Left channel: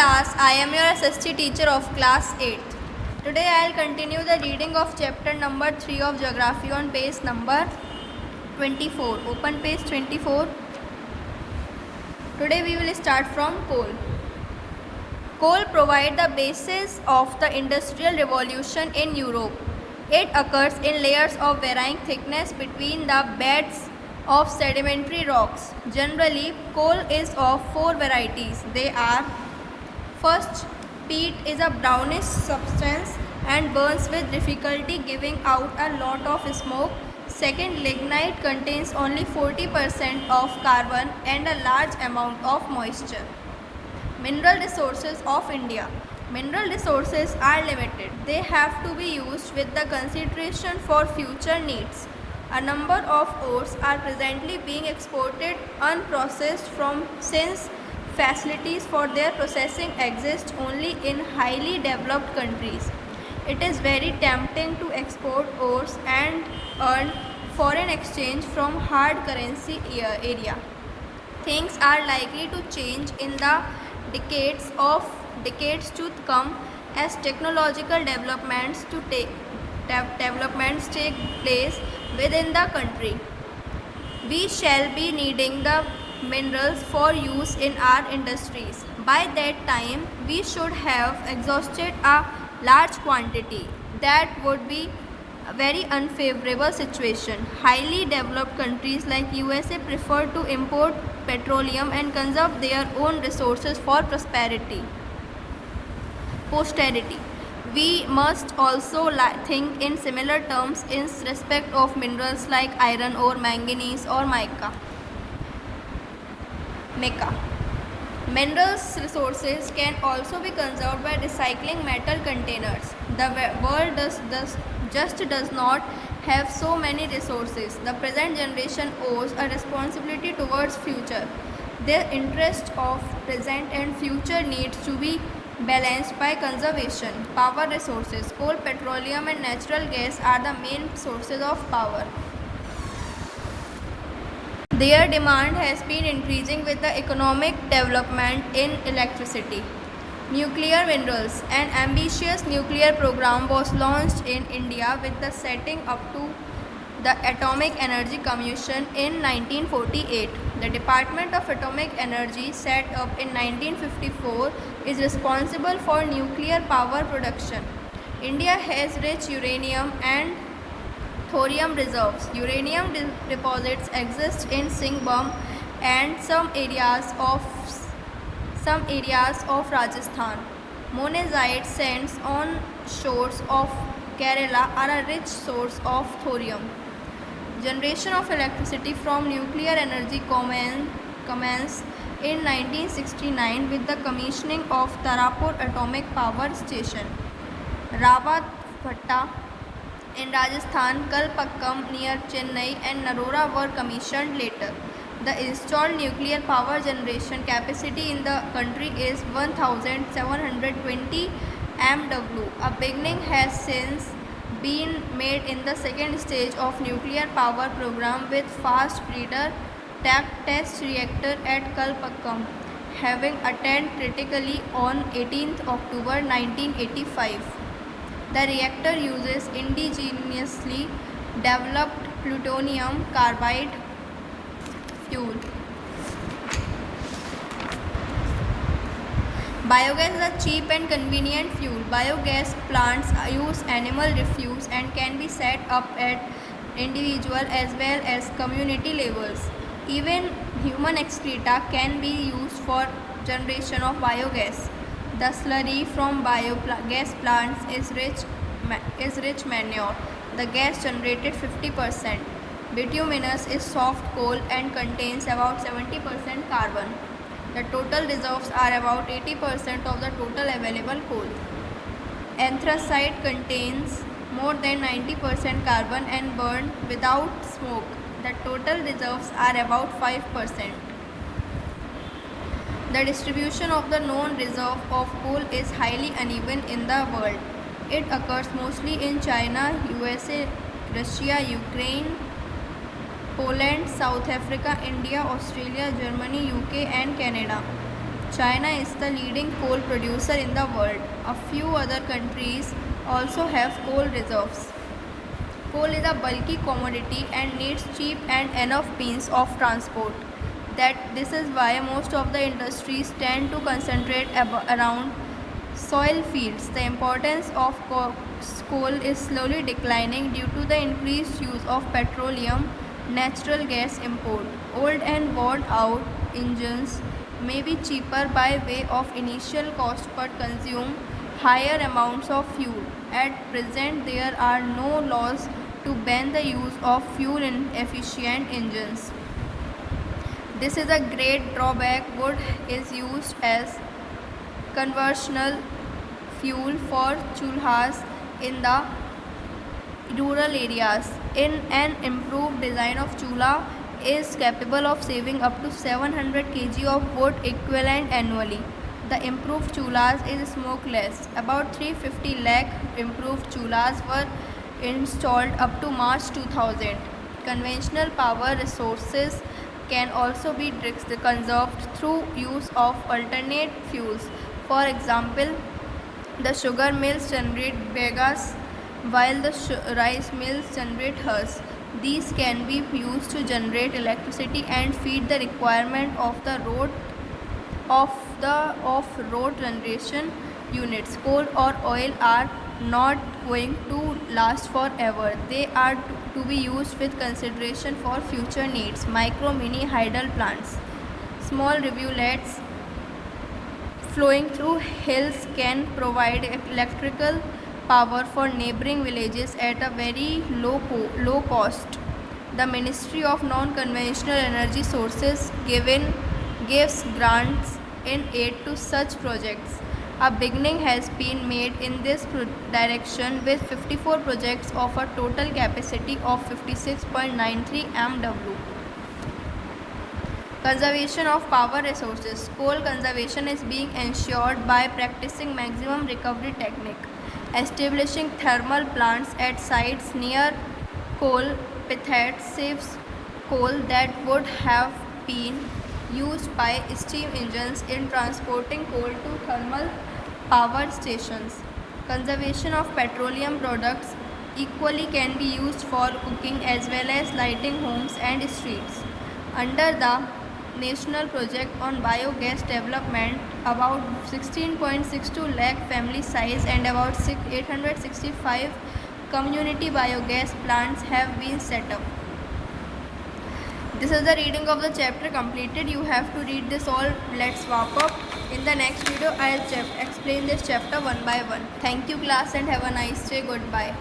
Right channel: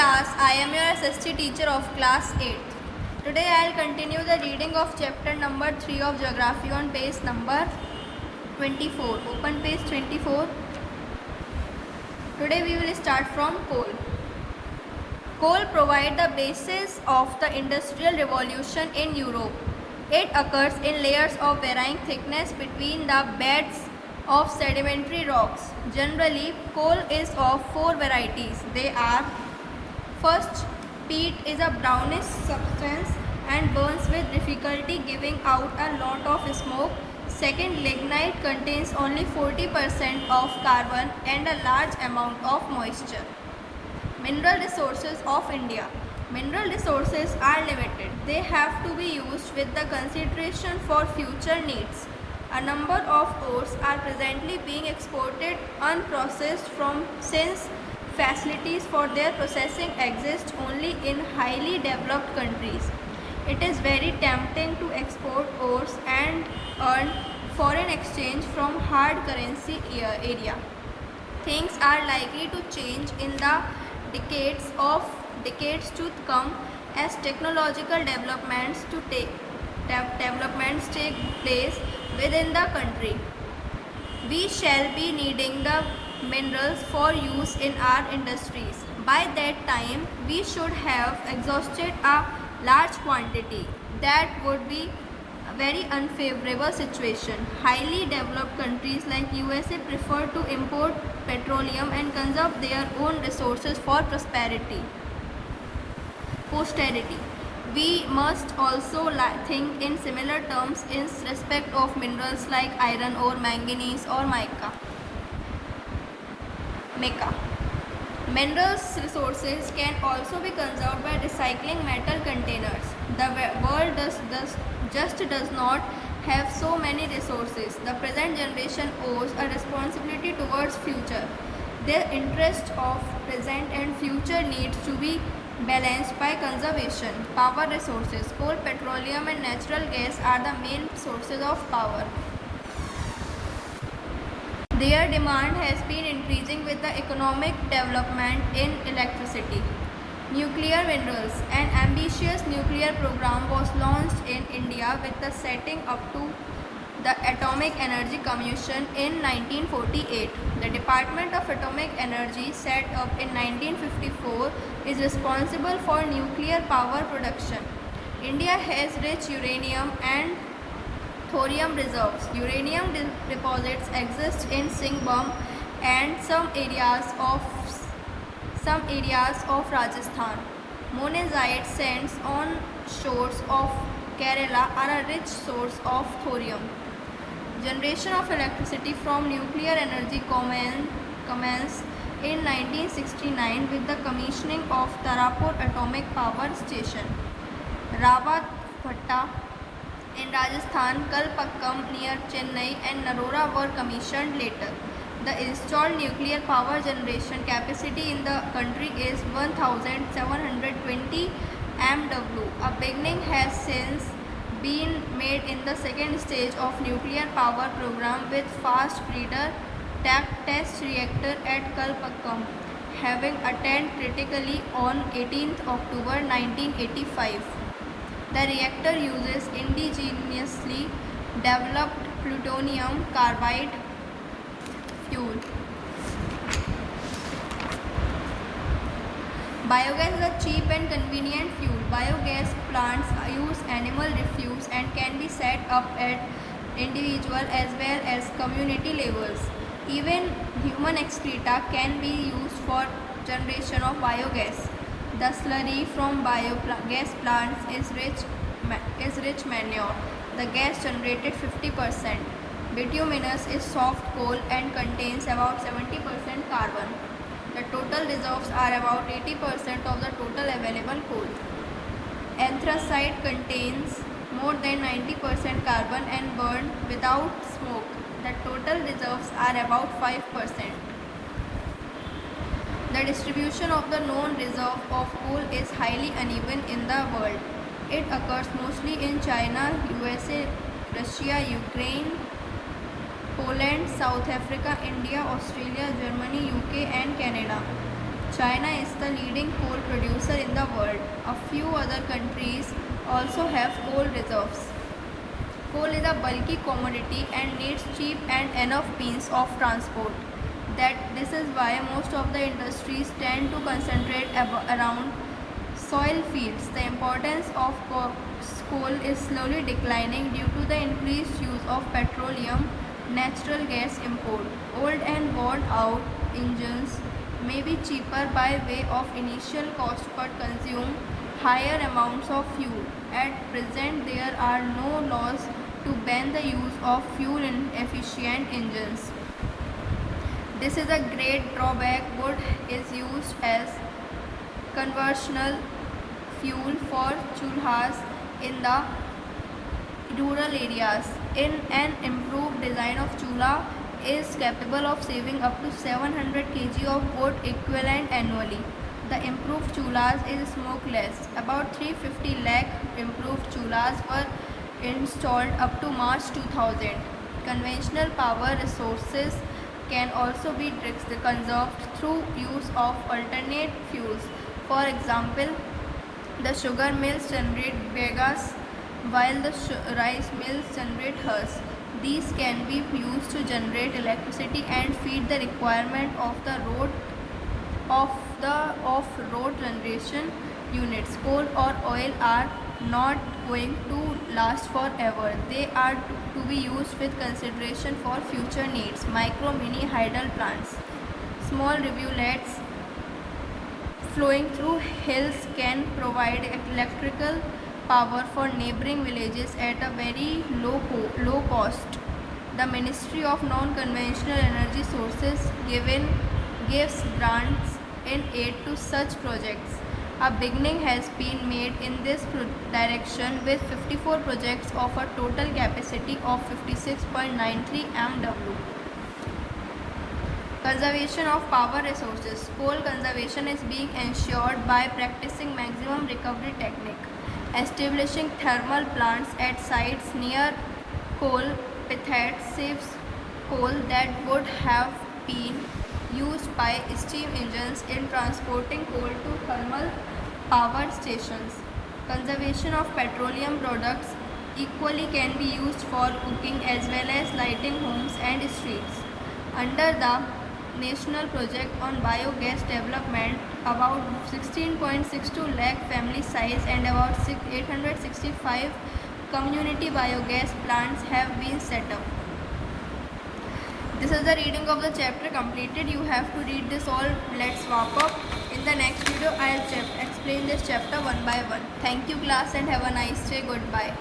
class, I am your SST teacher of class 8th. Today I will continue the reading of chapter number 3 of geography on page number 24. Open page 24. Today we will start from coal. Coal provides the basis of the industrial revolution in Europe. It occurs in layers of varying thickness between the beds of sedimentary rocks. Generally, coal is of four varieties. They are: first, peat is a brownish substance and burns with difficulty, giving out a lot of smoke. Second, lignite contains only 40% of carbon and a large amount of moisture. Mineral resources of India. Mineral resources are limited. They have to be used with the consideration for future needs. A number of ores are presently being exported unprocessed from since facilities for their processing exist only in highly developed countries. It is very tempting to export ores and earn foreign exchange from hard currency area. Things are likely to change in the decades to come as technological developments take place within the country. We shall be needing the minerals for use in our industries. By that time, we should have exhausted a large quantity. That would be a very unfavorable situation. Highly developed countries like USA prefer to import petroleum and conserve their own resources for posterity. We must also think in similar terms in respect of minerals like iron ore, manganese or mica. Minerals resources can also be conserved by recycling metal containers. The world does not have so many resources. The present generation owes a responsibility towards future. Their interest of present and future needs to be balanced by conservation. Power resources. Coal, petroleum and natural gas are the main sources of power. Their demand has been increasing with the economic development in electricity. Nuclear minerals. An ambitious nuclear program was launched in India with the setting up to the Atomic Energy Commission in 1948. The Department of Atomic Energy, set up in 1954, is responsible for nuclear power production. India has rich uranium and thorium reserves. Uranium deposits exist in Singhbhum and some areas of Rajasthan. Monazite sands on shores of Kerala are a rich source of thorium. Generation of electricity from nuclear energy commenced in 1969 with the commissioning of Tarapur Atomic Power Station. Rawatbhatta in Rajasthan, Kalpakkam near Chennai and Narora were commissioned later. The installed nuclear power generation capacity in the country is 1720 MW. A beginning has since been made in the second stage of nuclear power program with fast breeder test reactor at Kalpakkam, having attained critically on 18th October 1985. The reactor uses indigenously developed plutonium carbide fuel. Biogas is a cheap and convenient fuel. Biogas plants use animal refuse and can be set up at individual as well as community levels. Even human excreta can be used for generation of biogas. The slurry from biogas plants is rich manure. The gas generated 50%. Bituminous is soft coal and contains about 70% carbon. The total reserves are about 80% of the total available coal. Anthracite contains more than 90% carbon and burned without smoke. The total reserves are about 5%. The distribution of the known reserve of coal is highly uneven in the world. It occurs mostly in China, USA, Russia, Ukraine, Poland, South Africa, India, Australia, Germany, UK and Canada. China is the leading coal producer in the world. A few other countries also have coal reserves. Coal is a bulky commodity and needs cheap and enough means of transport. This is why most of the industries tend to concentrate around soil fields. The importance of coal is slowly declining due to the increased use of petroleum, natural gas import. Old and worn out engines may be cheaper by way of initial cost but consume higher amounts of fuel. At present, there are no laws to ban the use of fuel efficient engines. This is a great drawback. Wood is used as conventional fuel for chulhas in the rural areas. In an improved design of chulha is capable of saving up to 700 kg of wood equivalent annually. The improved chulhas is smokeless. About 350 lakh improved chulhas were installed up to March 2000. Conventional power resources can also be conserved through use of alternate fuels. For example, the sugar mills generate bagasse while the rice mills generate husk. These can be used to generate electricity and feed the requirement of the off-road generation units. Coal or oil are not going to last forever. They are to be used with consideration for future needs. Micro mini hydel plants. Small rivulets flowing through hills can provide electrical power for neighboring villages at a very low cost. The Ministry of Non-Conventional Energy Sources gives grants in aid to such projects. A beginning has been made in this direction with 54 projects of a total capacity of 56.93 MW. Conservation of power resources. Coal conservation is being ensured by practicing maximum recovery technique, establishing thermal plants at sites near coal pithheads saves coal that would have been used by steam engines in transporting coal to thermal power stations. Conservation of petroleum products equally can be used for cooking as well as lighting homes and streets. Under the National Project on Biogas Development, about 16.62 lakh family size and about 865 community biogas plants have been set up. This is the reading of the chapter completed. You have to read this all. Let's wrap up. In the next video, I'll explain this chapter one by one. Thank you class and have a nice day. Goodbye.